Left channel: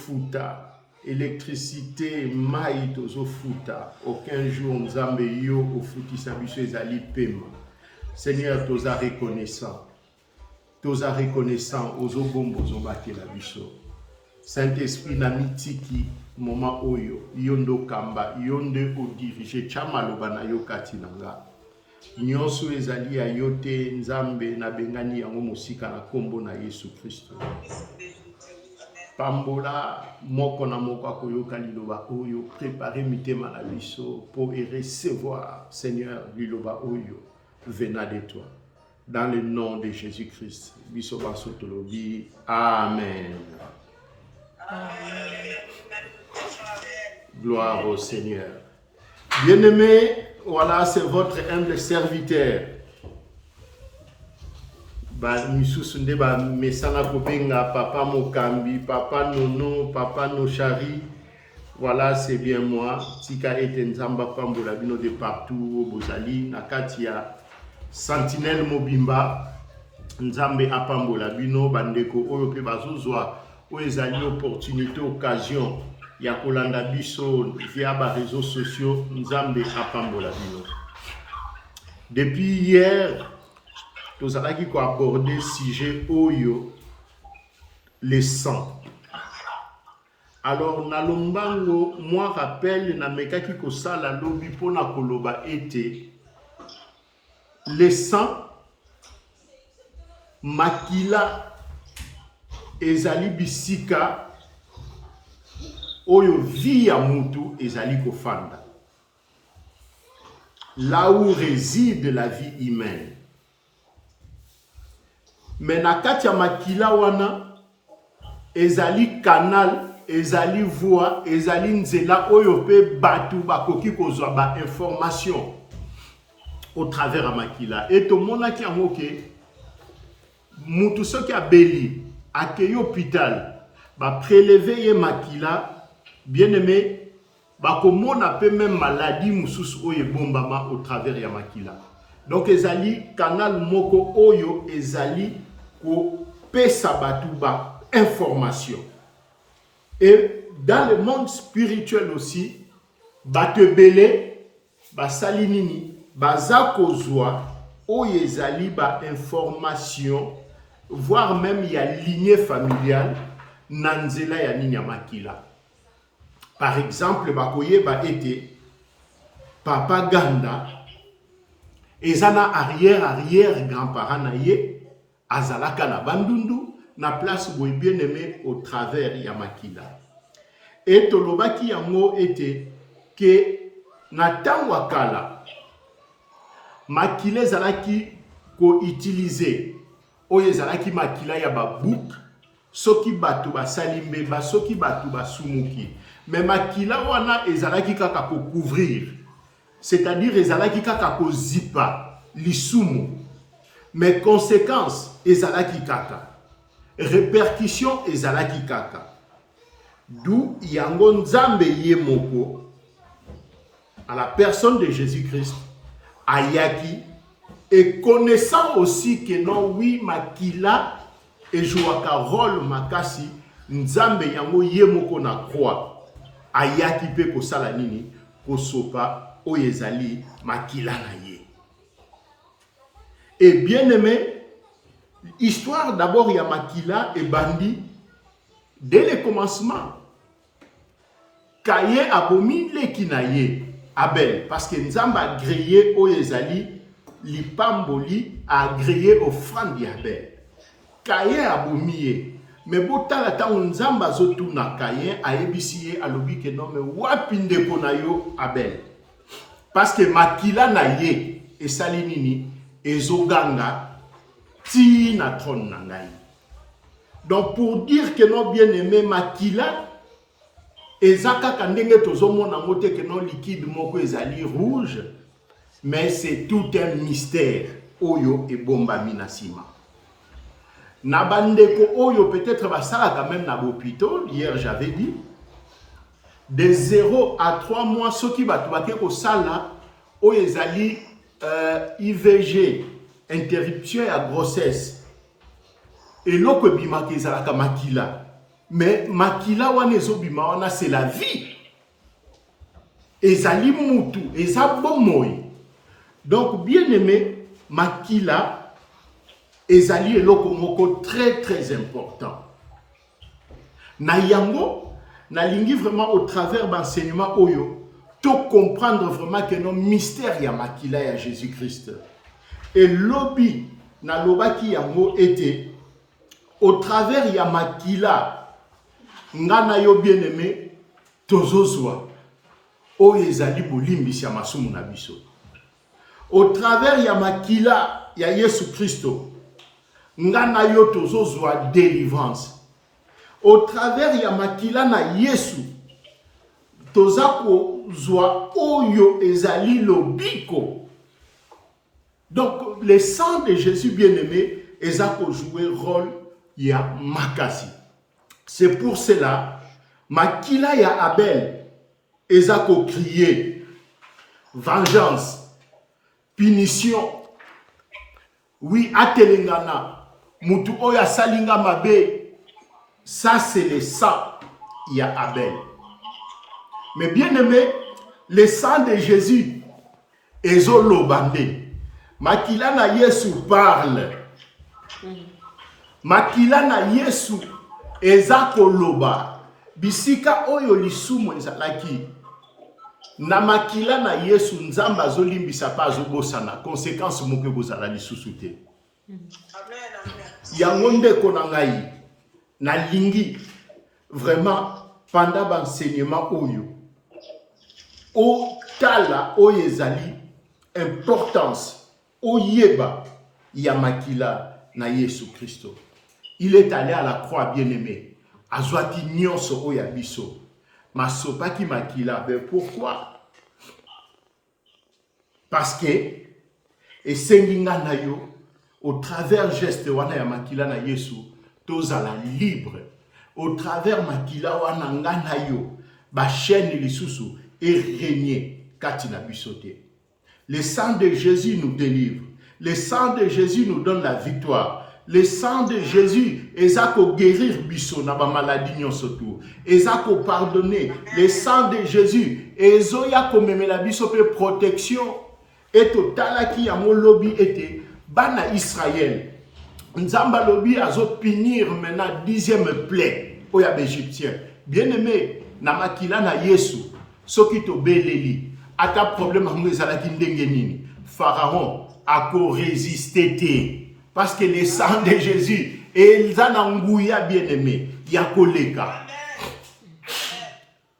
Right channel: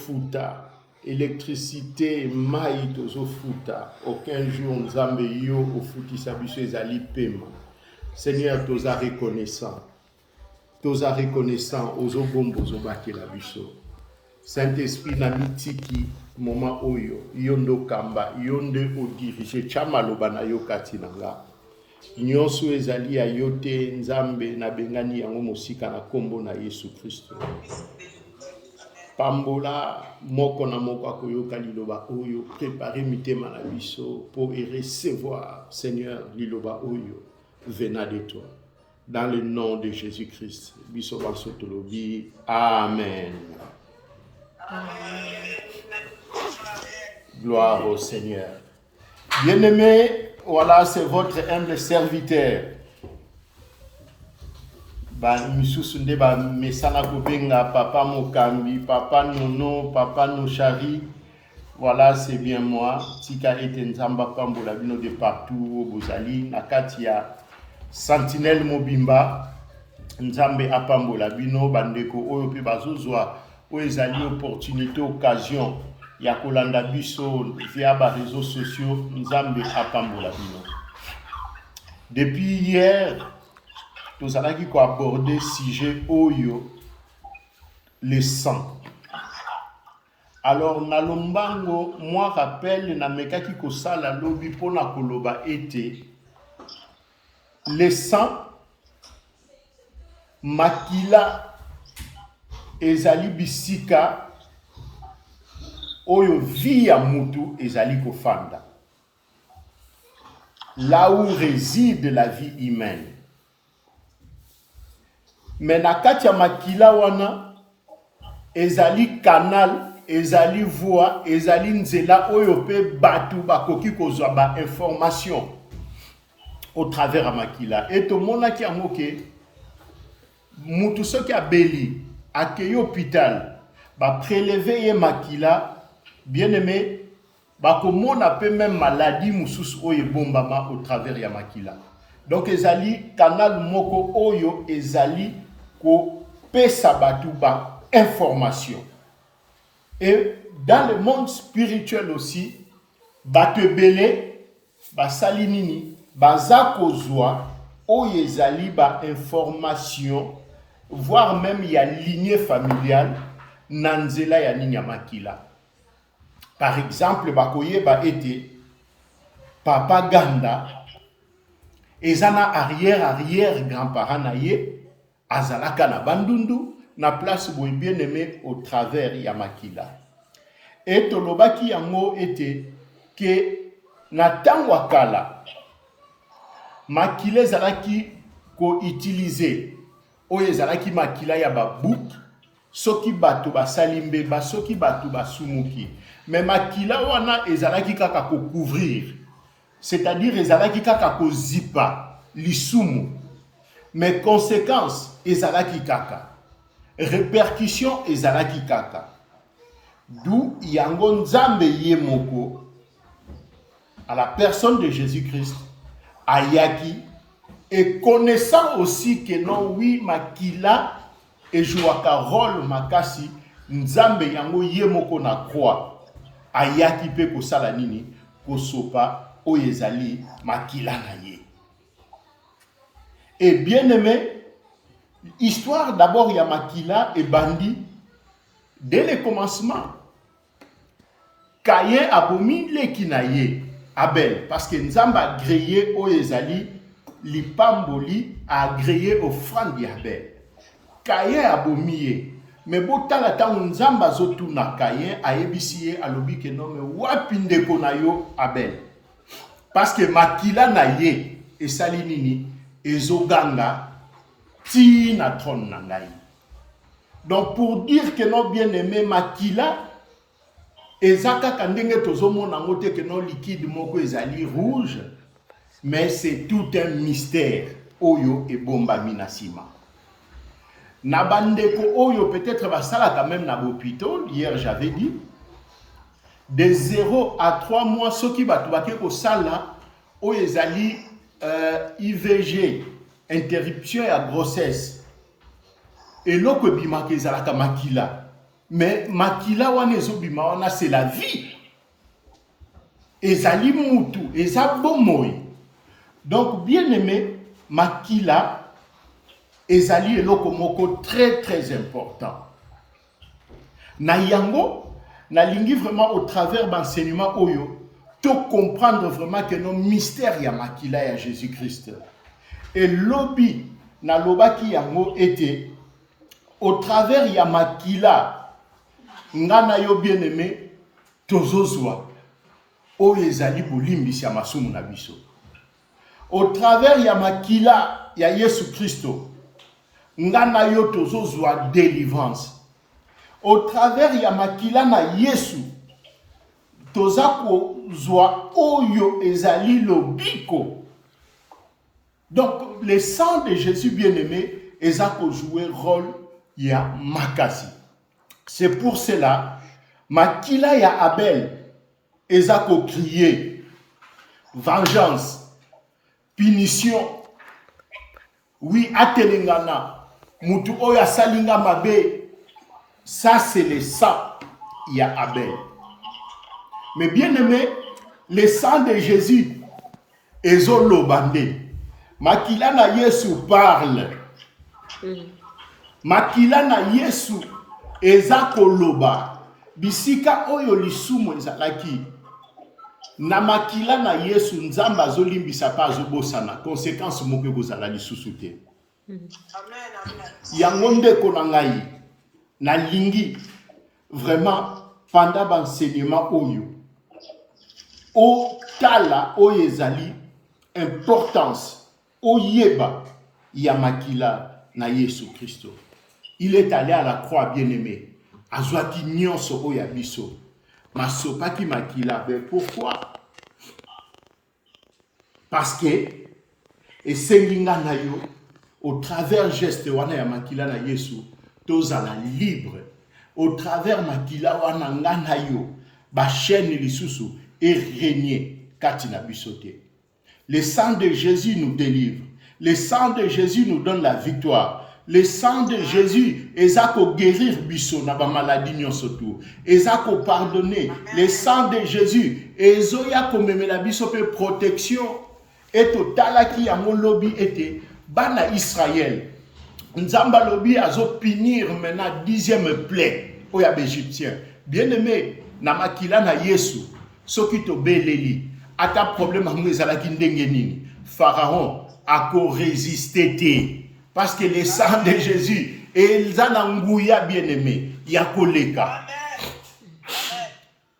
futa électricité mai tozo futa aucun jour nzambe yo ofutisa biso ezali pema. Seigneur, toza reconnaissant ozobomba ozobatela biso. Saint-Esprit na mitiki moma oyo yondo kamba yonde odirige chamaloba na yo kati nanga nyonso ezali ya yote nzambe na bengani yango mosika na kombo na Yesu Kristo. Pambola moko na moko akoyoka liloba oyo, préparer mitema na biso pour recevoir Seigneur liloba oyo venant de toi. Dans le nom de Jésus-Christ. Biso bansotolobi. Amen. Amen. Gloire au Seigneur. Bien-aimés, voilà, c'est votre humble serviteur. Misusunde ba mesana kobenga papa Mokambi, papa Nono, papa Nochari. Voilà, c'est bien moi. Tika ete nzamba pambola bino de partout au Bozali, Nakatia, Sentinelle Mobimba, nzambe apambola bino bandeko oyo pe bazozwa oezali opportunité occasion ya kolanda biso via ba réseaux sociaux nzambe apambola bino. Depuis hier, nous allons aborder le sujet oyo, le sang. Alors, na lombango, moi rappelle na mekaki ko sala lobi pona koloba ete le sang makila ezali bisika oyo via mutu ezali kofanda. Là où réside la vie humaine. Mais na kati ya makila wana ezali canal, ezali voie, ezali nzela oyo pe batu bakoki kozwa ba information au travers ya makila. Et to monaki yango ke mutu soki abeli akei hôpital ba prélever ye makila, bien aimé bakomona pe même maladie mususu oyo bombama au travers ya makila. Donc ezali canal moko oyo ezali ko pesa batu ba information. Et dans le monde spirituel aussi, batu belé ba salinini baza kozwa oyo ezali ba information, voire même ya lignée familiale nanzela ya nini ya makila. Par exemple, bakoyeba ete papa Ganda ezana arrière grand-parent na ye azalaka na bandundu na place boy bien aimé au travers ya makila. Et tolobaki yango ete ke na tango akala makila ezalaki ko utiliser oyo ezalaki makila ya babouk soki batu basalimbe ba soki batu basumuki. Mais makila wana ezalaki kaka ko couvrir. C'est-à-dire ezalaki kaka ko zipa lisumu. Mais conséquences ezalaki kaka. Répercussions ezalaki kaka. D'où yango nzambe ye moko à la personne de Jésus-Christ ayaki et connaissant aussi que non oui makila et jouaka rôle makasi nzambe yango ye moko na croix ayaki pe kosala nini kosopa oyo ezali makila na ye. Et bien aimé, histoire d'abord ya makila et bandi dès le commencement. Kaye abomi leki na ye Abel parce que nzamba a grillé oyo ezali lipamboli a grillé offrande ya Abel. Kaye abomi ye. Mais botala tango nzamba zotu na Kaye ayebisi ye alobi ke non mais wapi ndeko na yo Abel. Parce que makila na ye esali nini ezoganga ti na trône na ngai. Donc pour dire que non bien aimé makila ezaka kandenge tozomona ngote que non liquide moko ezali rouge, mais c'est tout un mystère oyo e bomba minasima. Na bandeko oyo peut-être basala quand même na l'hôpital, hier j'avais dit de 0 à 3 mois ceux qui batu bake ko sala oyo ezali IVG, interruption à grossesse. Et l'oko bimaka ezalaka makila. Mais makila wana ezobima wana c'est la vie. Ezali mutu, ezabomoy. Donc bien aimé, makila ezali eloko moko très très important. Na yango, na lingi vraiment au travers d'enseignement oyo, to comprendre vraiment que nos mystères ya makila ya Jésus-Christ. Et lobby na lobaki yango était au travers ya makila ngana yo bien aimé tozozwa o ezali bolimbisi ya masumu na biso. Au travers ya makila ya Yesu Christo ngana yo tozozwa délivrance. Au travers ya makila na Yesu tozako zwa oyo ezali lobiko. Donc le sang de Jésus bien-aimé ezako jouer rôle ya makasi. C'est pour cela makila ya Abel ezako crier vengeance, punition. Oui, atelengana mutu oya salinga mabe. Ça, c'est le sang, il y a Abel. Mais bien aimé, le sang de Jésus, ezolo bande. Makila na Yesu parle. Makila na Yesu ezako loba. Bisika oyo lisumu ezalaki. Na makila na Yesu nzamba zolimbisa pa azobosana. Conséquence moke bozala lisusu te. Amen. Yango ndeko na ngai. Na lingi vraiment pendant l'enseignement oyo o tala oyo ezali importance oyeba ya makila na Yesu Christo. Il est allé à la croix bien-aimé azwaki nyonso oyo ya biso masopaki makila. Mais pourquoi? Parce que esenginga na yo au travers geste wana ya makila na Yesu tozala libre. Au travers makila wana ngana yo ba chaîne lisusu et régner katina bisote. Le sang de Jésus nous délivre. Le sang de Jésus nous donne la victoire. Le sang de Jésus ezako guérir biso na ba maladie nyonso tu. Ezako pardonner. Le sang de Jésus ezoya komemela biso pe protection. Et totalaki yango lobi ete bana Israël. Nzamba lobi azo punir maintenant 10e plaie oya égyptien. Bien-aimé, na makila na Yesu, soki to beleli, ata problème ngo ezalaki ndenge nini. Pharaon ako résister te parce que le sang de Jésus ezana nguya bien-aimé, ya koleka.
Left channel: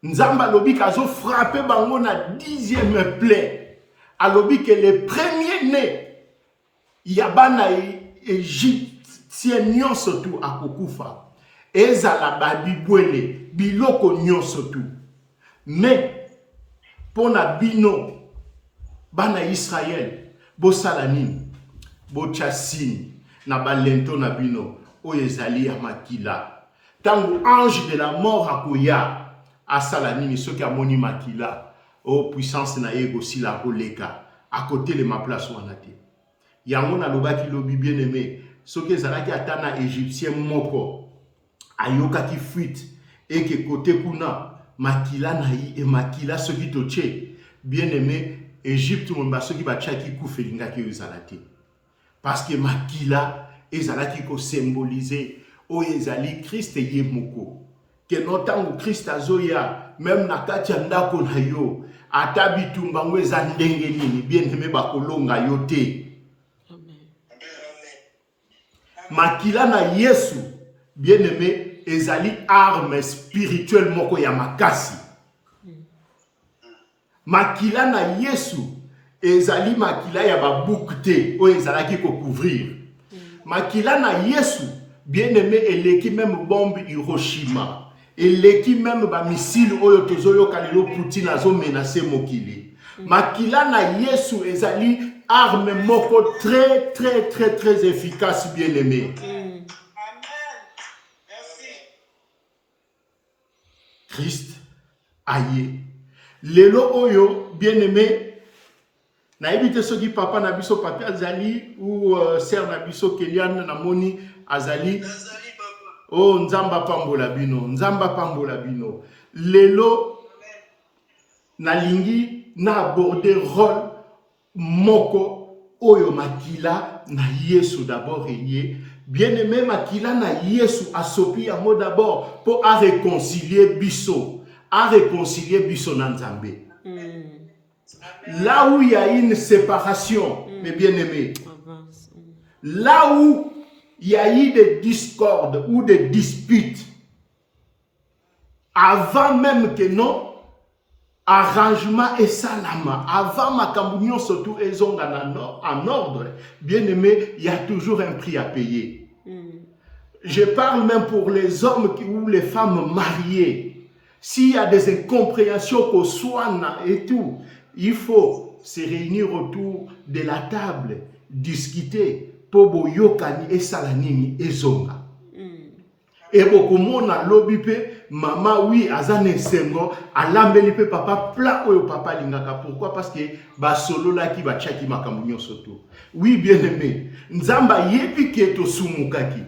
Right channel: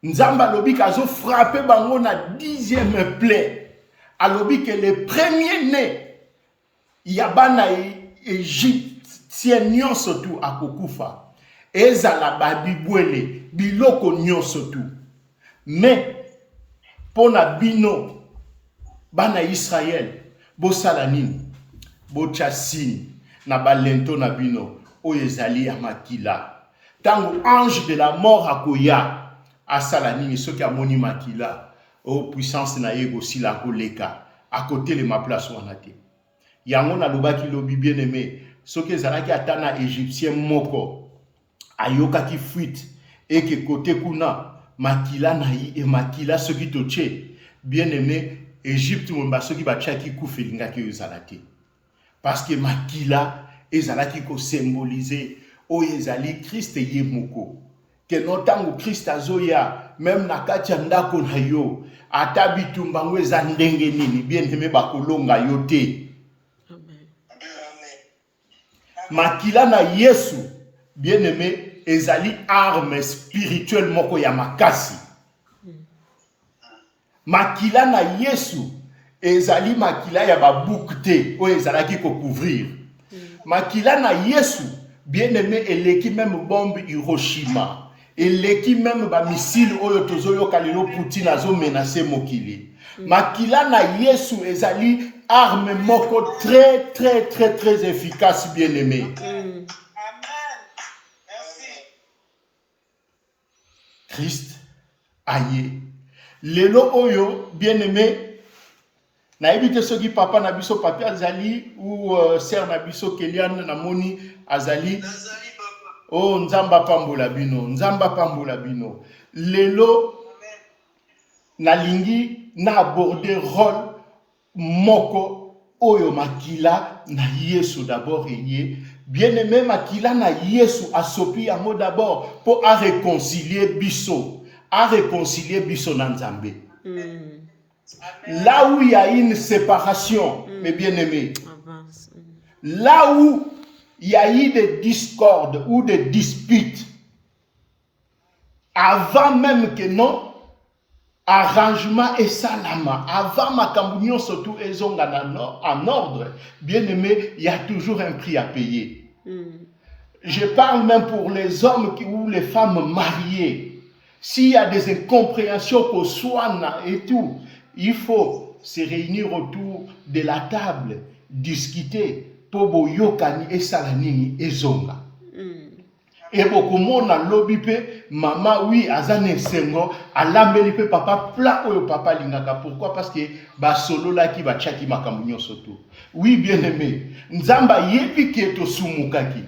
Nzamba lobi kazo frapper bango na 10e plaie. Alobi que le premier né yabana Égyptien nyonso tu akokufa. Ezala babibwele biloko nyonso tu. Mais pona bino bana Israël bosala nini? Bochasini na balento na bino oyo ezali ya makila. Tango ange de la mort akoya asala nini soki amoni makila o puissance na yego sila koleka à côté de ma place wana te. Yango na lobaki lobi bien aimé, soki ezalaki atana égyptien moko ayoka ki fuite et que côté kuna makila na yi et makila soki toche bien aimé Égypte mba soki ba tchaki kufelinga ki ezalaki parce que makila ezalaki ko symboliser o ezali Christ ye moko que notango Christ azoya même na kati ya ndako na yo ata bitumba ngo eza ndenge nini bien aimé bakolonga yo te. Makila na Yesu, bien aimé, ezali arme spirituelle moko ya makasi. Makila na Yesu, ezali makila ya babukte, o ezalaki ko couvrir. Makila na Yesu, bien aimé, eleki même bombe Hiroshima. Eleki même ba missile oyo tozoyo kalilo Poutine azo menacer mokili. Makila na Yesu ezali arme moko très très très très efficace bien aimé. Amen. Merci. Christ aye. Lelo oyo bien aimé. Na ebite soki papa na biso papi azali ou sœur na biso Keliane na moni azali. Oh, nzamba pambola bino, nzamba pambola bino. Lelo, nalingi na aborder rôle moko oyo makila na Yesu d'abord eye. Bien-aimé makila na Yesu asopi yango d'abord pour à réconcilier biso na Nzambe. Là où il y a une séparation, mes bien-aimés, là où il y a eu des discordes ou des disputes, avant même que non, arrangement et salama, avant ma cambunion surtout ezonga en ordre, bien-aimé, il y a toujours un prix à payer. Je parle même pour les hommes ou les femmes mariées. S'il y a des incompréhensions qu'au soin et tout, il faut se réunir autour de la table, discuter. Tobo yokani et salanini et zonga. Et beaucoup monde a lobby maman oui azane sengo alambeli pe papa plat oyo papa lingaka. Pourquoi? Parce que ba solo la ki ba chaki makamunyo soto. Oui bien aimé, nzamba yebi ke to sumukaki.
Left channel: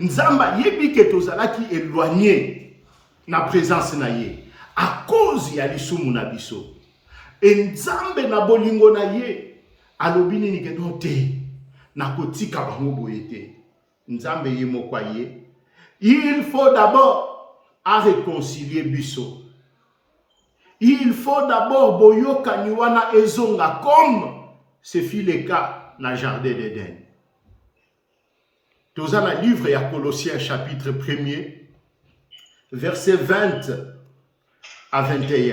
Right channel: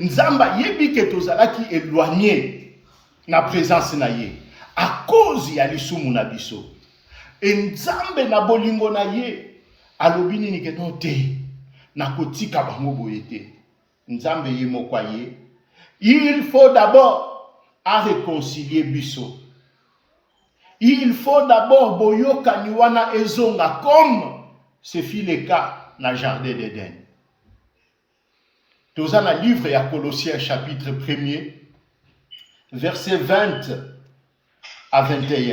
Nzamba yebi ke to zalaki éloigné na présence na ye à cause ya lisumu na biso. Et nzambe na bolingo na ye alobini ni ke non te. Nakotika bango boyete. Nzambe ye mokwaye. Il faut d'abord à réconcilier biso. Il faut d'abord boyo kaniwana ezonga comme ce fut le cas dans le jardin d'Éden. Dans le livre ya Colossiens chapitre 1er verset 20 à 21.